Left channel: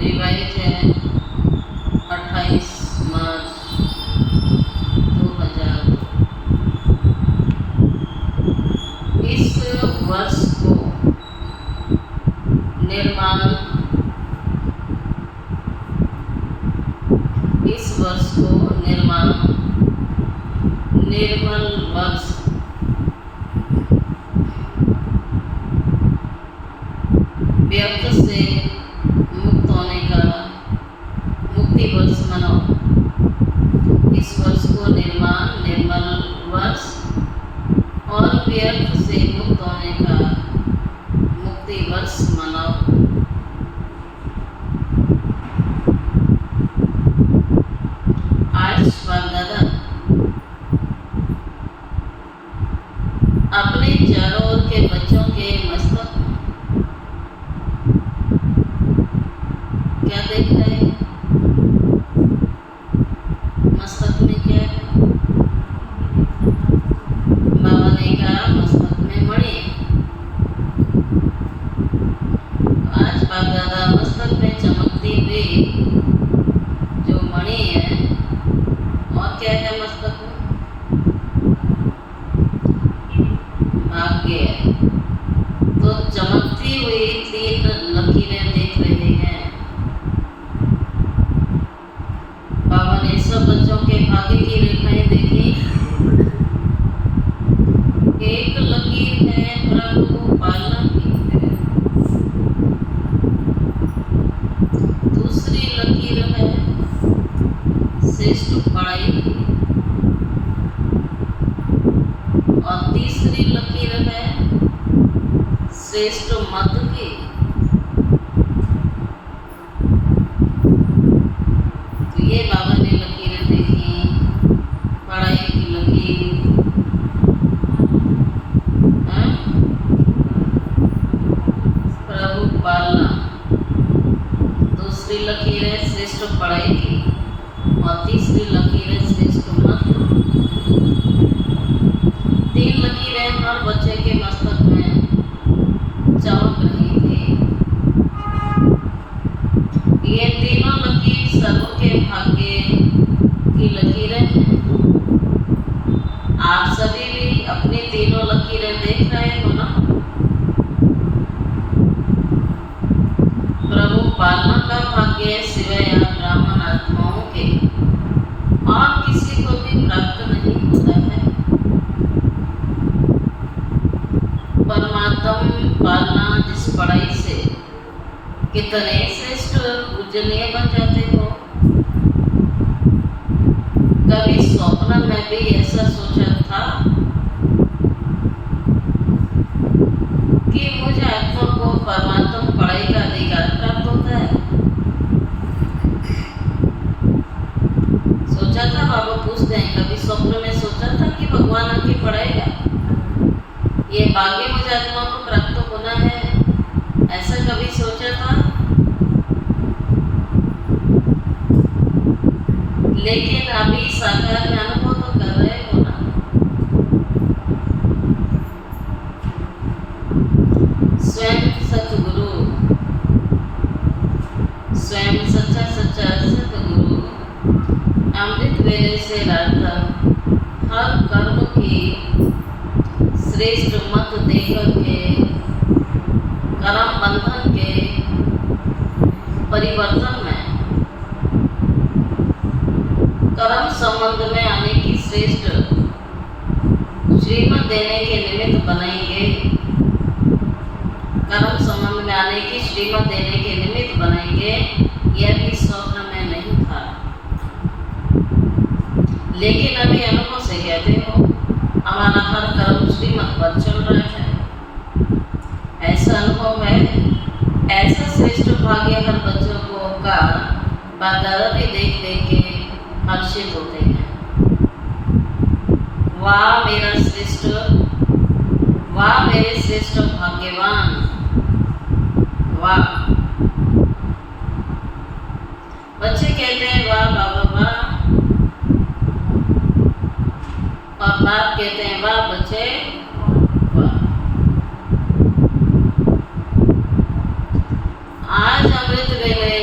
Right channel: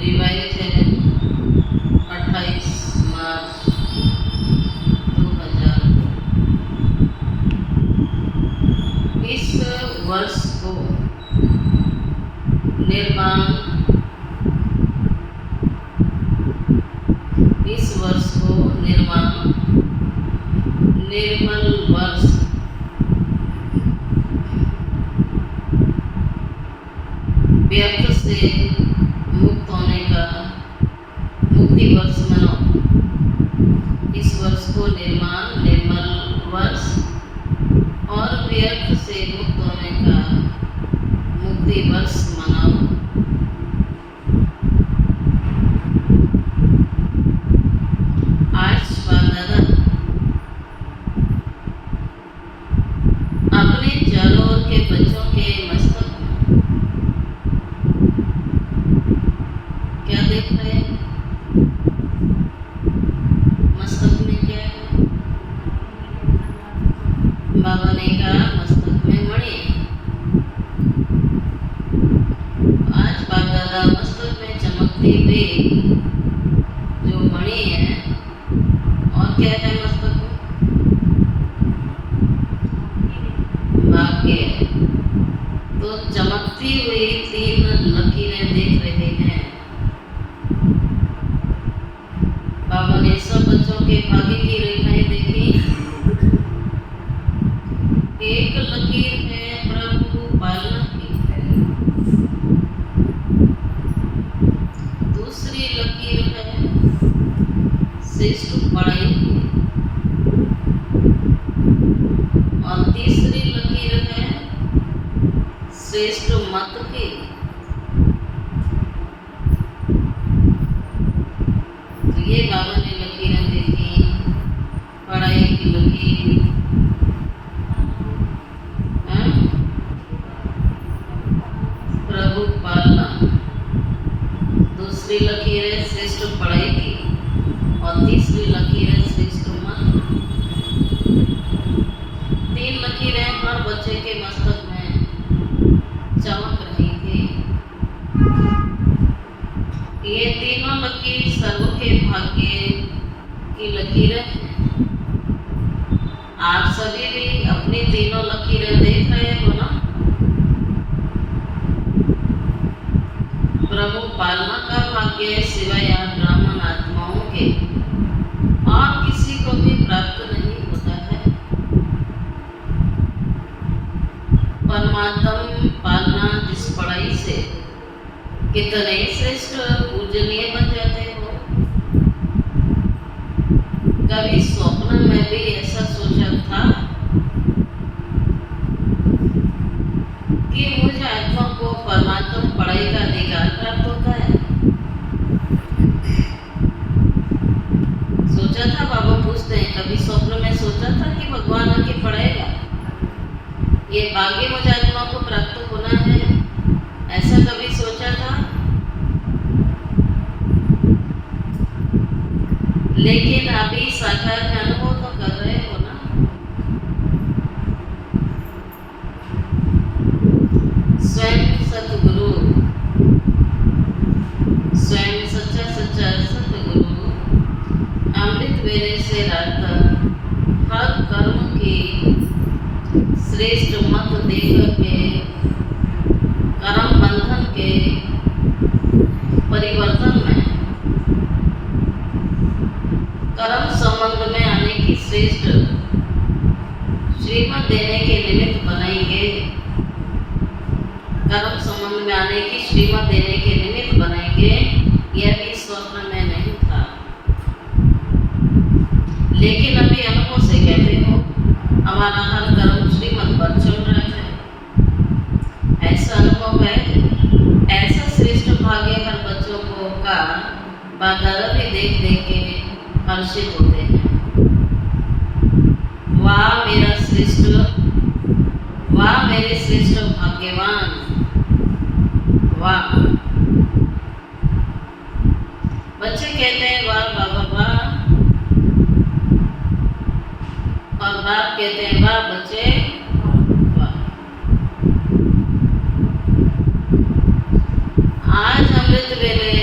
Revise है 28 मार्च 2002। इस वर्ष को निर्मल वर्ष व्यर्थ से मुक्त होने का मुक्ति वर्ष मनाओ। इस वर्ष को निर्मल वर्ष और व्यर्थ से मुक्त होने का मुक्ति वर्ष मनाओ। आज बाप-दादा अपने चारों ओर के बच्चों के मस्तक क्या देख रहे हैं? मस्तक में क्या है? बाबा ने कहा मस्तक में मणि। आज बाप दादा मस्तक में चमकती हुई जो मणि है, और क्या है मस्तक में? भाग्य है। तो चमकती हुई 3 लकीरें देख रहे हैं। बाबा ने सब बच्चों के भाग्य की रेखाएं देखी। एक लकीर है प्रभु पालना की, दूसरी लकीर है श्रेष्ठ पढ़ाई की, और तीसरी लकीर है श्रेष्ठ मत की। तो ये बाबा ने लकीरें देखी, पढ़ाई की लकीर, प्रभु पालना, दूसरी लकीर है श्रेष्ठ पढ़ाई की, और तीसरी लकीर है श्रेष्ठ मत। 3 लकीरें हर बच्चे के मस्तक में चमक रही थी। ये तीनों लकीर सबके भाग्य की लकीरें हैं। आप सभी भी अपनी तीनों लकीरें देख रहे हो ना? प्रभु पालना का भाग्य सिवाय ब्राह्मण आत्माओं के और किसी को भी प्राप्त नहीं होता है। परमात्मा पालना जिस पढ़ाई से कितने श्रेष्ठ पूजनीय बन जाते हो। कभी स्वप्न में भी ऐसा सोचा था कि मुझे आत्मा को परमात्मा पढ़ाई का अधिकार प्राप्त होता है? सोचा था? बाबा पूछते हैं, कभी स्वप्न में सोचा था कि भगवान आके पढ़ाएगा? ये भाग्य मुझे आत्मा को प्राप्त होना है, ऐसा कभी सोचा था? लेकिन अभी साकार में अनुभव तो कर रहे हो ना। स्वयं सतगुरु, स्वयं सच्चा सतगुरु अमृत वेले से रात तक हर कर्म की श्रेष्ठ मत देकर के कर्म बंधन के परिवर्तन में कर्म संबंध में आने की श्रेष्ठ श्रीमत देने के निमित्त बनाएंगे। कर्म संबंध में आने की श्रीमत देने के निमित्त बनाएंगे। यह भी स्वप्न में नहीं था, लेकिन अभी अनुभव से कहते हो हमारा हर कर्म श्रीमत पर चल रहा है। ऐसा अनुभव है। ऐसा श्रेष्ठ भाग्य हर बच्चों को का बाप-दादा भी देख देख के हर्षित होते हैं। वाह मेरा श्रेष्ठ, वाह मेरे श्रेष्ठ भाग्यवान, वाह। बच्चे कहते हैं वाह बाबा वाह, और बाप कहते हैं वाह बच्चे वाह। आज अमृत वेले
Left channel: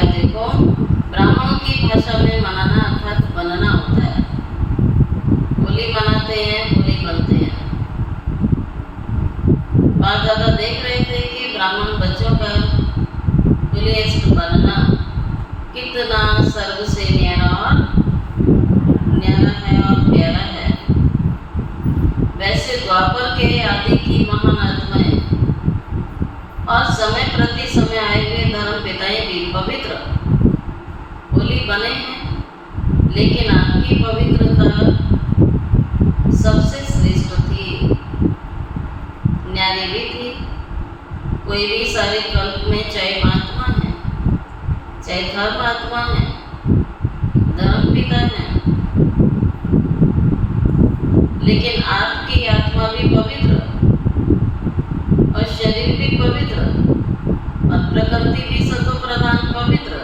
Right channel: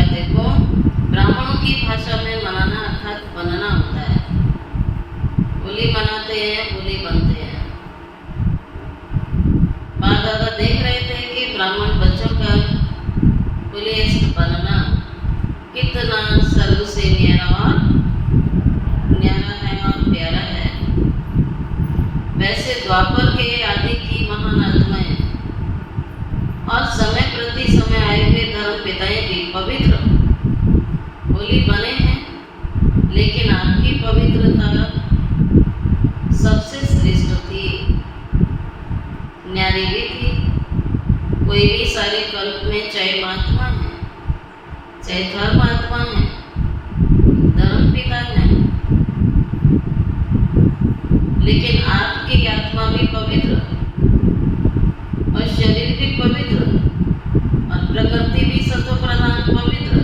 है, देखो ब्राह्मणों की भाषा में मनाना अर्थात बनना होता है। बोली बनाते हैं, बोली बनते हैं। बाप दादा देख रहे थे कि ब्राह्मण बच्चों का बोलिएस्ट बनना कितना सर्व से न्यारा है और प्यारा है। वैसे द्वापर के आदि की महान आत्माएं और समय प्रति समय आए हुए धर्म पिताएं भी पवित्र बोली बने हैं, लेकिन आपकी पवित्रता सबसे श्रेष्ठ थी, न्यारी भी थी। कोई भी सारे कल्प में चाहे महात्मा है, चाहे धर्म आत्मा है, धर्म पिता है, लेकिन आपकी आत्मा भी पवित्र और शरीर भी पवित्र और प्रकृति भी सतो प्रधान पवित्र।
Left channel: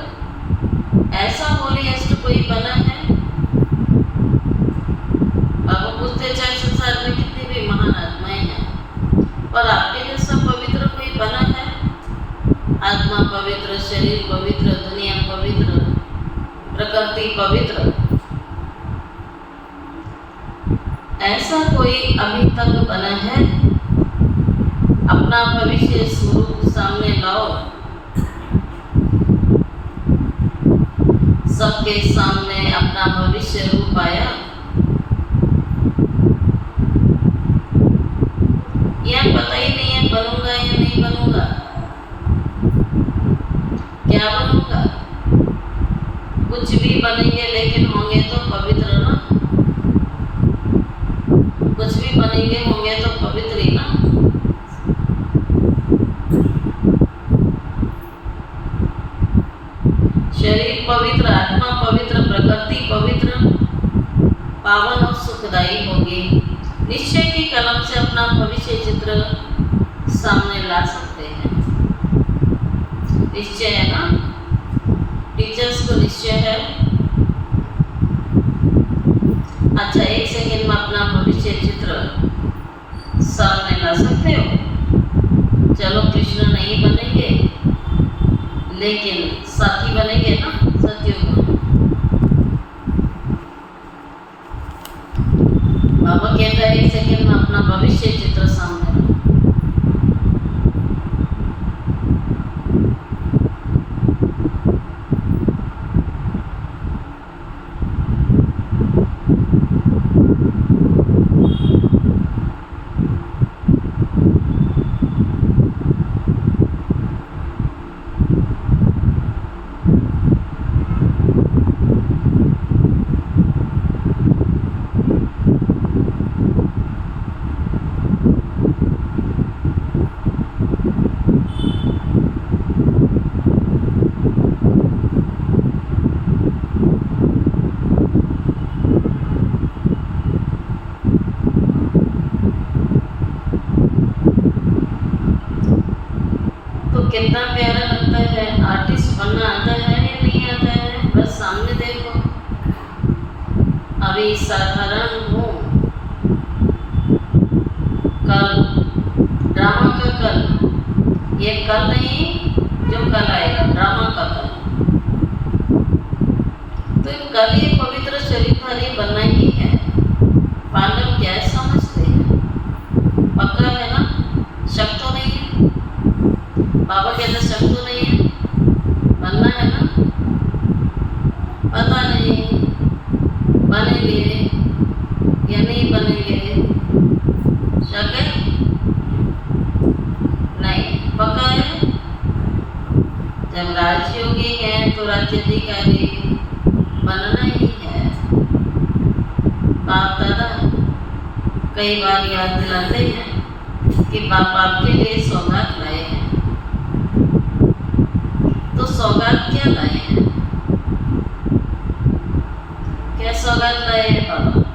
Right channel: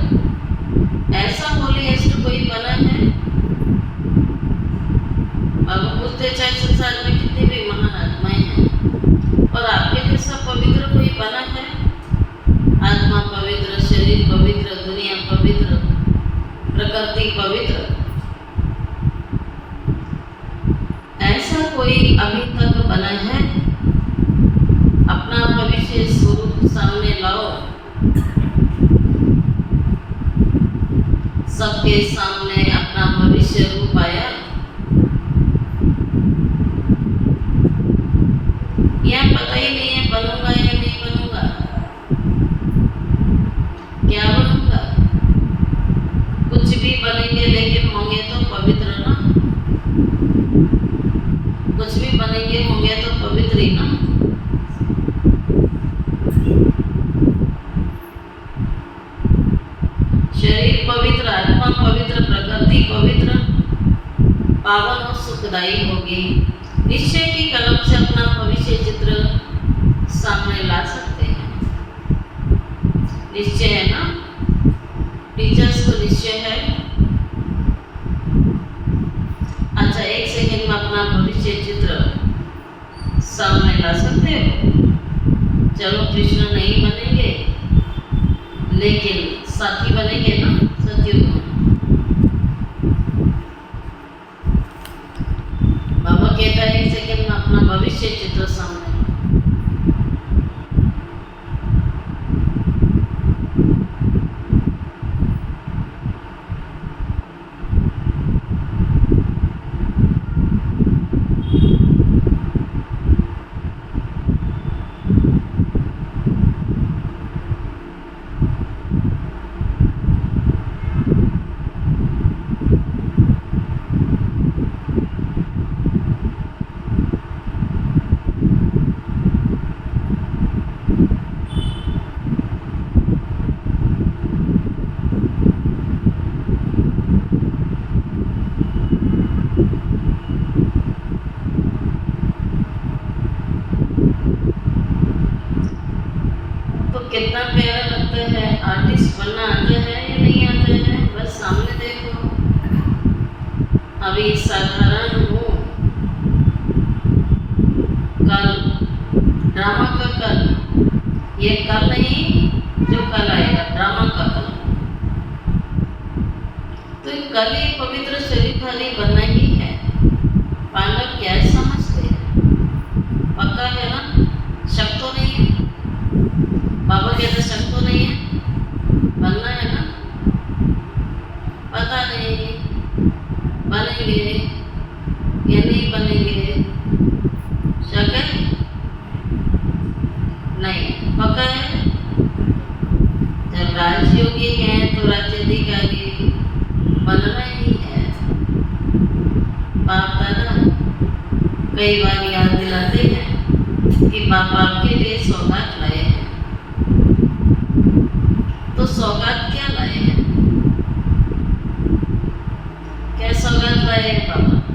ऐसा होलीएस्ट कोई बना है? अब पूछते चाहे संसार में कितनी भी महान आत्माएं हैं, और आपके जैसा पवित्र कोई बना है? आत्मा पवित्र, शरीर पवित्र, दुनिया पवित्र, प्रकृति पवित्र, ऐसा कोई अभी तक बना है? अपना भविष्य स्वरूप सामने लाओ, सबके सामने अपना भविष्य रूप आया। यह पता ही नहीं है बनूंगा या नहीं बनूंगा, क्या बनूंगा। कुछ भी बनेंगे लेकिन होंगे तो पवित्र ना, कुछ भी बनेंगे होंगे तो पवित्र ही ना। शरीर पवित्र, आत्मा पवित्र, प्रकृति पवित्र, पावन और सुखदायी होगी। निश्चय की कलम से अपना भविष्य चित्र सामने ला सकते हैं। निश्चय है ना, टीचर्स को निश्चय है। अच्छा, एक सेकंड में अपना भविष्य चित्र सामने ला सकते हो? चलो कृष्ण नहीं बनेंगे, लेकिन साथी बनेंगे ना सतयुग में। बाबा कहता है एक सेकंड में अपना भविष्य चित्र सामने। कितना प्यारा लगता है। आर्टिस्ट बनना आता है या नहीं आता है? बस सामने देखो। अभी साधारण हूँ, कल ड्रामा का कल, ये कल नहीं जो कल आएगा, ड्रामा का कल। तो कल ही पवित्र शरीरधारी बनना ही है। पांडव क्या समझते हैं? पक्का है ना? शक तो नहीं है? बाबा कहते शक तो नहीं है, बनना है ना? पता नहीं बनेंगे या नहीं बनेंगे, शक है? नहीं, पक्का है। जब राजयोगी है तो राज्याधिकारी बनना ही है। बाप दादा कई बार याद दिलाते हैं कि बाप आपके लिए सौगात लाए हैं। तो सौगात क्या लाए हैं? क्या सौगात लाए हैं बाबा?